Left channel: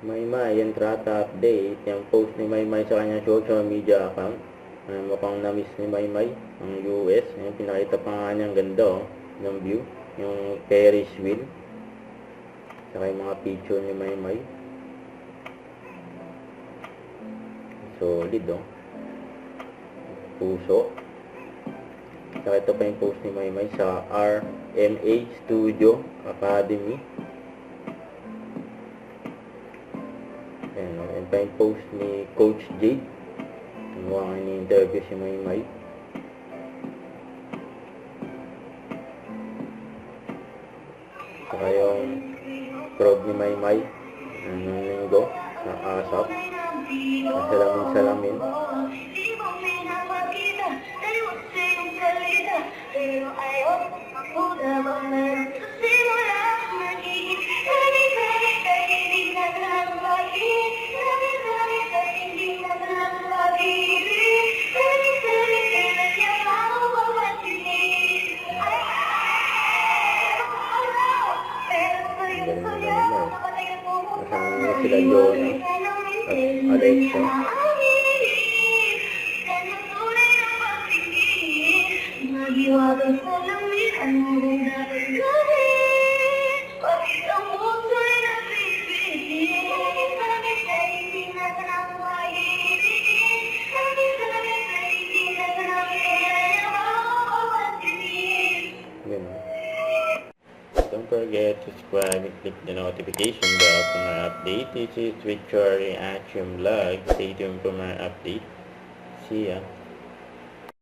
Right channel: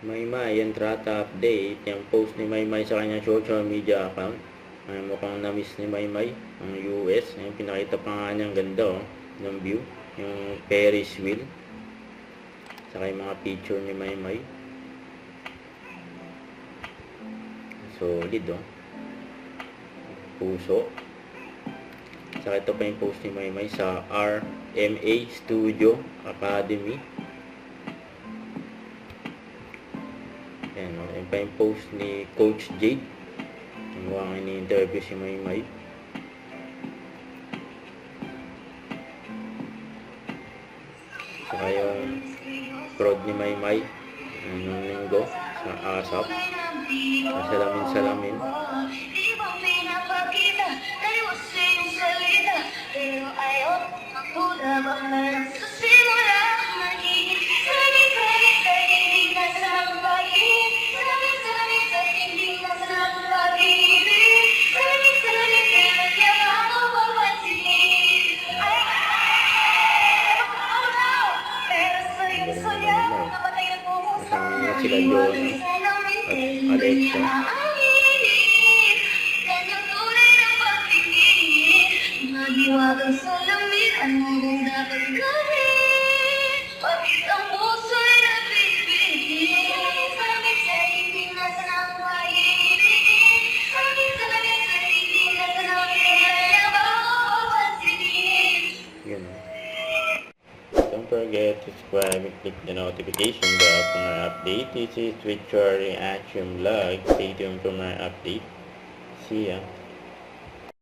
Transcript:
Maymay, yan trata update. Yung post ni Maymay sa kanyang social media account. Mukhang na-miss ni Maymay ang US. Yung pinakita pa nga niyang ganda ng view. Yung Ferris wheel. Saka yung mga picture ni Maymay. Solid puso. Saka ito pa yung post ni Maymay sa RMA Studio Academy. Yan pa yung post ni Coach Jade. Mukhang ini-interview si Maymay. Saka yung prod ni Maymay yung linggo sa ASAP. Salamin. Kasama sila doon at Alexa. Magiwagang salamin, ano bang dapat gawin? Bakit ang puso'y nabibigin? Bakit sa hindi nasa ng pag-ibig? Bakit talaga sa hindi nasa ng pinagpapansinin? Yun. Don't forget to subscribe and click the notification bell for my update. This is Victory Reaction Vlog. Stay tuned for my update. See ya.